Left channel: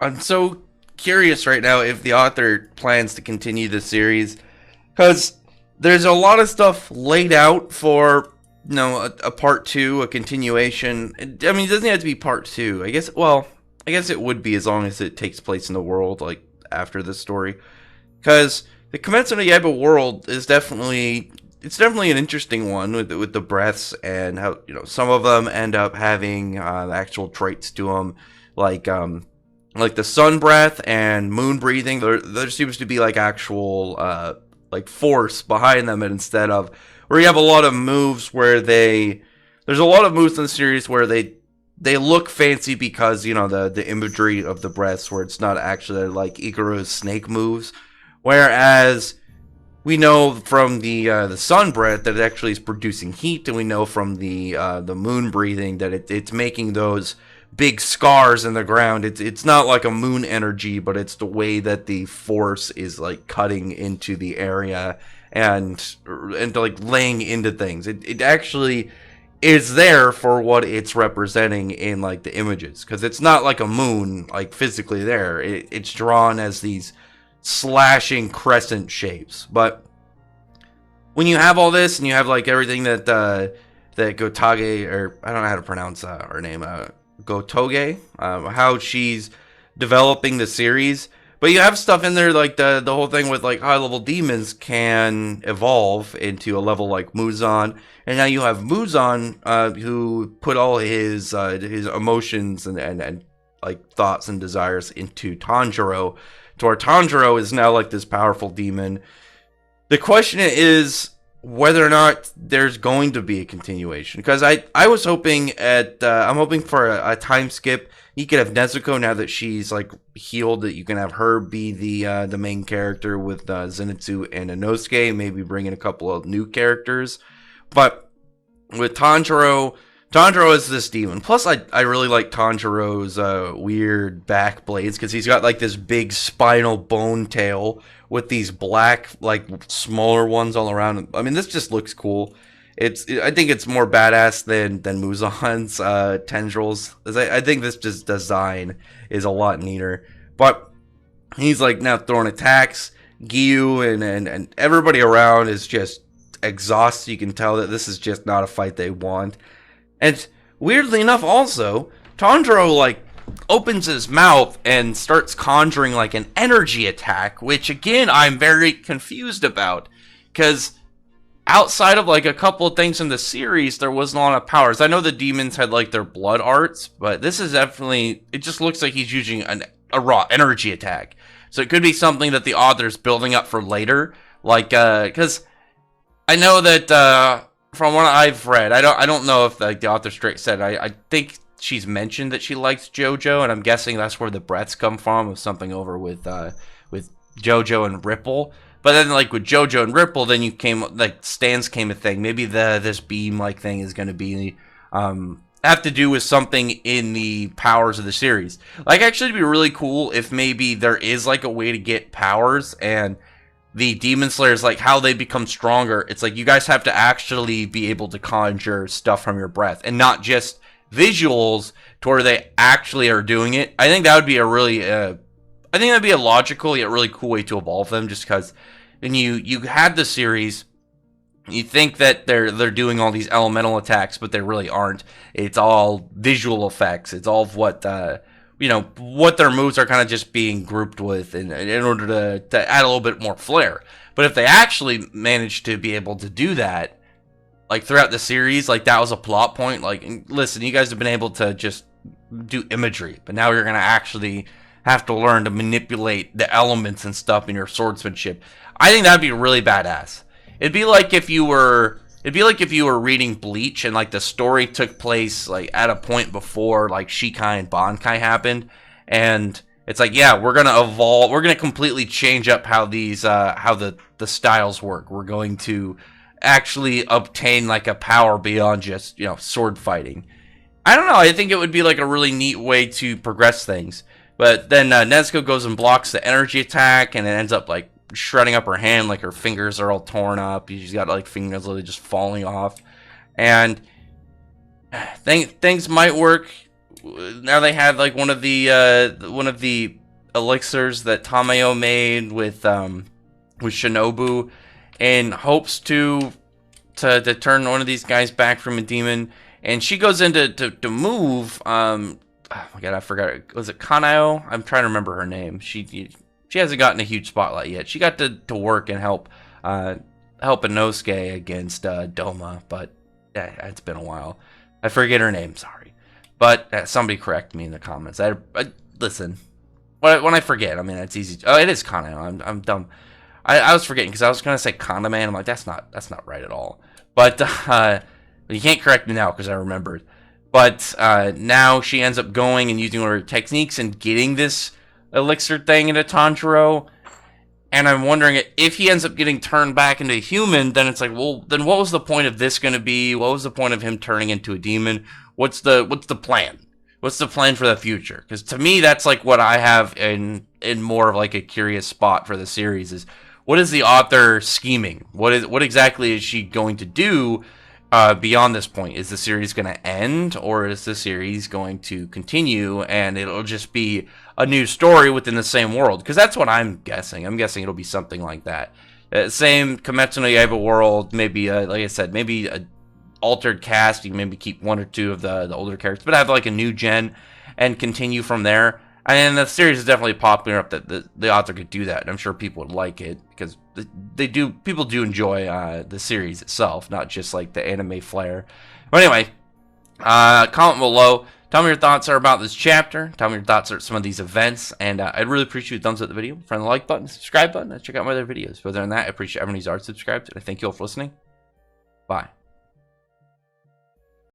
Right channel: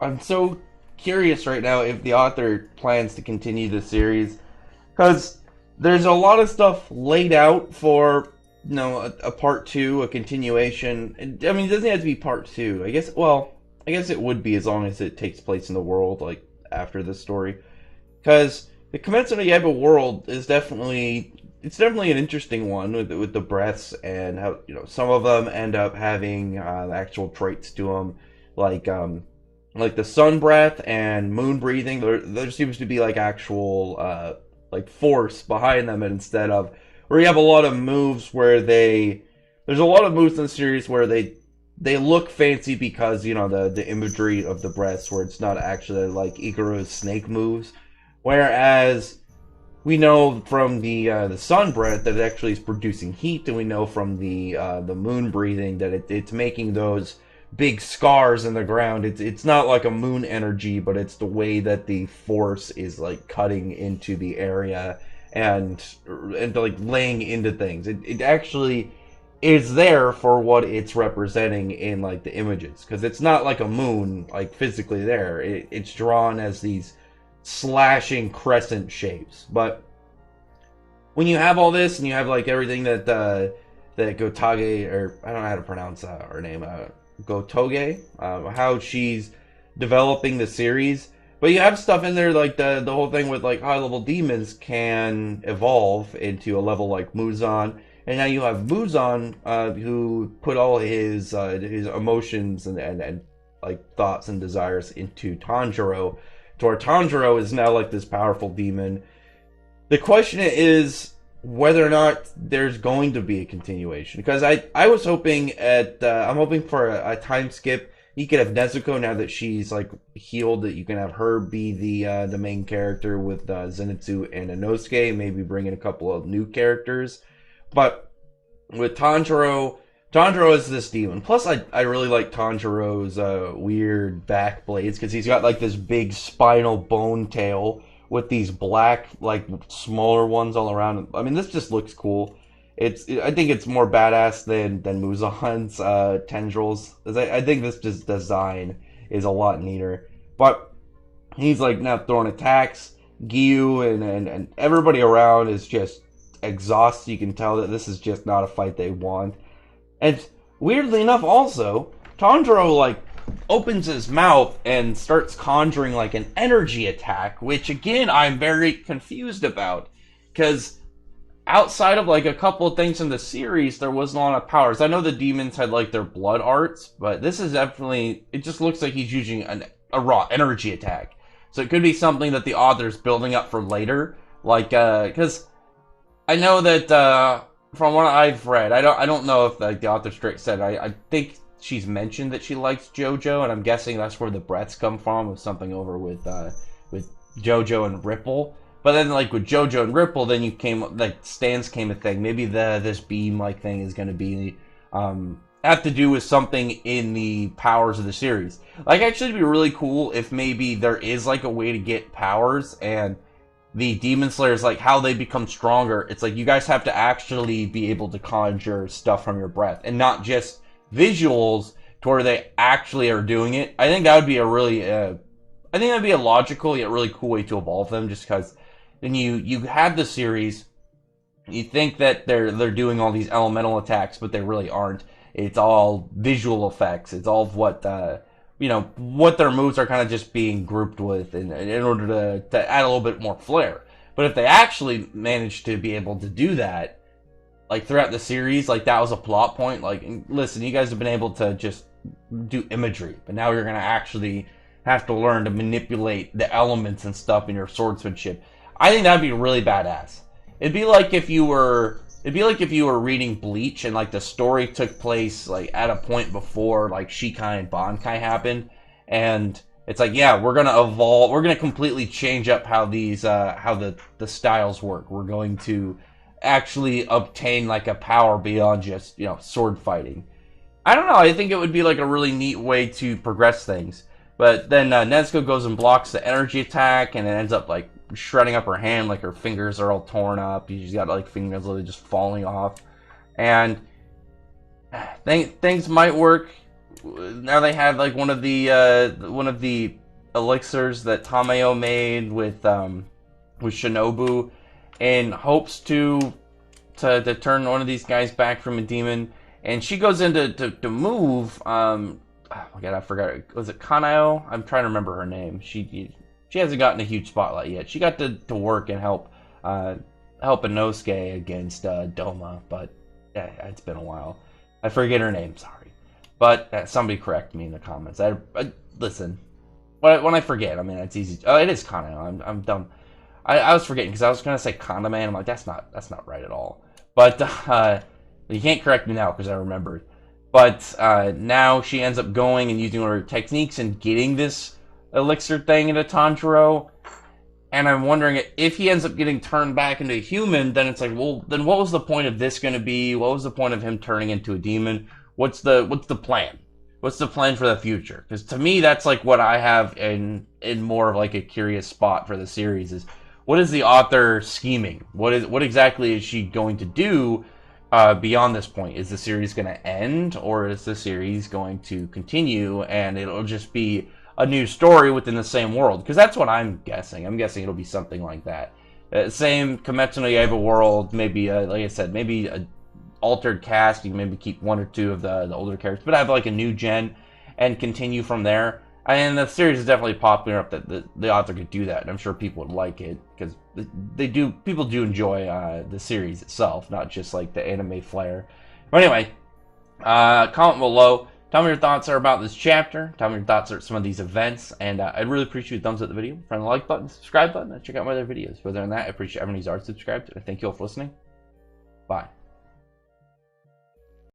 I'm so curious right now if the author plans to continue the series, because there's a lot of stuff laid out for a part two, a continuation. I mean, it doesn't have to be part two. I guess. Well, I guess it would be as long as it takes place in the world like after this story, because the Kimetsu no Yaiba world is definitely an interesting one with the breaths and how some of them end up having actual traits to them, like like the sun breath and moon breathing. There seems to be like actual like force behind them, and instead of where you have a lot of moves where there's a lot of moves in the series where they look fancy because the imagery of the breaths, where it's not actually like Ikaru's snake moves, whereas we know from the sun breath that it actually is producing heat, and we know from the moon breathing that it's making those big scars in the ground. It's not like a moon energy, but it's the way that the force is like cutting into the area and like laying into things. It actually is there for what it's representing in like the images, because it's not like a moon like physically there. It's drawn as these slashing crescent shapes. But when you have all this and you have like everything that Gotage, or I don't know how to pronounce her name, Gotoge, how she's developing the series. But you have stuff in there like the whole thing with like high level demons can evolve into a level like Muzan, and now you have Muzan who put all his emotions and like thoughts and desires into Tanjiro, to where Tanjiro is now like this powerful demon. The question is whether or not there's going to be a continuation, because I was hoping I'm hoping for a time skip. You could have Nezuko, now that she's like healed, that you can have her be the main character with Zenitsu and Inosuke, maybe bring in a couple of new characters. But with Tanjiro is this demon. Plus, I really like Tanjiro's weird back blades, because he's got like this big spinal bone tail with these black, like smaller ones all around. I mean, this just looks cool. I think it's more badass than Muzan's tendrils. I think this just design is a lot neater. But he's like now throwing attacks. Gyu and everybody around is just exhausted. You can tell that this is just not a fight they want. And weirdly enough, also, Tanjiro like opens his mouth and starts conjuring like an energy attack, which again I'm very confused about, because outside of like a couple of things in the series, there wasn't a lot of powers. I know the demons had like their blood arts, but this is definitely, it just looks like he's using a raw energy attack. So it could be something that the author's building up for later, like because I know that from what I've read, I don't know if like the author straight said, I think she's mentioned that she likes JoJo, and I'm guessing that's where the breaths come from, of something over with JoJo and Ripple. But then, like with JoJo and Ripple, then you came like stands came a thing. Maybe this beam like thing is going to be have to do with something in the powers of the series. Like, actually, it'd be really cool if maybe there is like a way to get powers, and the Demon Slayers, like how they become stronger. It's like you guys have to actually be able to conjure stuff from your breath, and not just visuals to where they actually are doing it. I think that would be a really I think that'd be a logical yet really cool way to evolve them, just because when you have the series, you think that they're doing all these elemental attacks, but they really aren't. It's all visual effects. It's all of what what their moves are kind of just being grouped with in order to add a little bit more flair. But if they actually manage to be able to do that, like throughout the series, like that was a plot point. Like, listen, you guys have been able to just do imagery, but now you're gonna actually have to learn to manipulate the elements and stuff in your swordsmanship. I think that'd be really badass. It'd be like if you were reading Bleach, and like the story took place like at a point before like Shikai and Bankai happened, and it's like, yeah, we're gonna evolve, we're gonna completely change up how these how the styles work. We're going to actually obtain like a power beyond just sword fighting. I don't know. I think it would be like a really neat way to progress things. But then Nezuko goes and blocks the energy attack, and it ends up like shredding up her hand. Like her fingers are all torn up. She's got like fingers literally just falling off. And things might work now they have like one of the elixirs that Tamayo made with Shinobu, in hopes to turn one of these guys back from a demon. And she goes in to move. Oh my god, I forgot. Was it Kanao? I'm trying to remember her name. She hasn't gotten a huge spotlight yet. She got to work and help Inosuke against Doma, but yeah, it's been a while. I forget her name. Sorry, but somebody correct me in the comments. Listen. When I forget, I mean, it's easy. Oh, it is Kanao. I'm dumb. I was forgetting because I was gonna say Kaname. I'm like, that's not right at all. But you can't correct me now because I remembered. But now she ends up going and using her techniques and getting this elixir thing into Tanjirou. And I'm wondering if he ends up getting turned back into a human, then it's like, well, then what was the point of this going to be? What was the point of him turning into a demon? What's the plan? What's the plan for the future? Because to me, that's like what I have in more of like a curious spot for the series is, what is the author scheming? What exactly is she going to do beyond this point? Is the series going to end, or is the series going to continue and it'll just be a new story within the same world? Because that's what I'm guessing. I'm guessing it'll be something like that. Same Kimetsu no Yaiba world, maybe, like I said, maybe a altered cast. You can maybe keep one or two of the older characters, but have like a new gen and continue from there. And the series is definitely popular enough that the author could do that. And I'm sure people would like it because people do enjoy the series itself, not just like the anime flair. But anyway, comment below. Tell me your thoughts are about this chapter. Tell me your thoughts are some of these events. And I'd really appreciate a thumbs up the video, friend the like button, subscribe button, and check out my other videos. Further than that, I appreciate everyone who's already subscribed. And I thank you all for listening. Bye.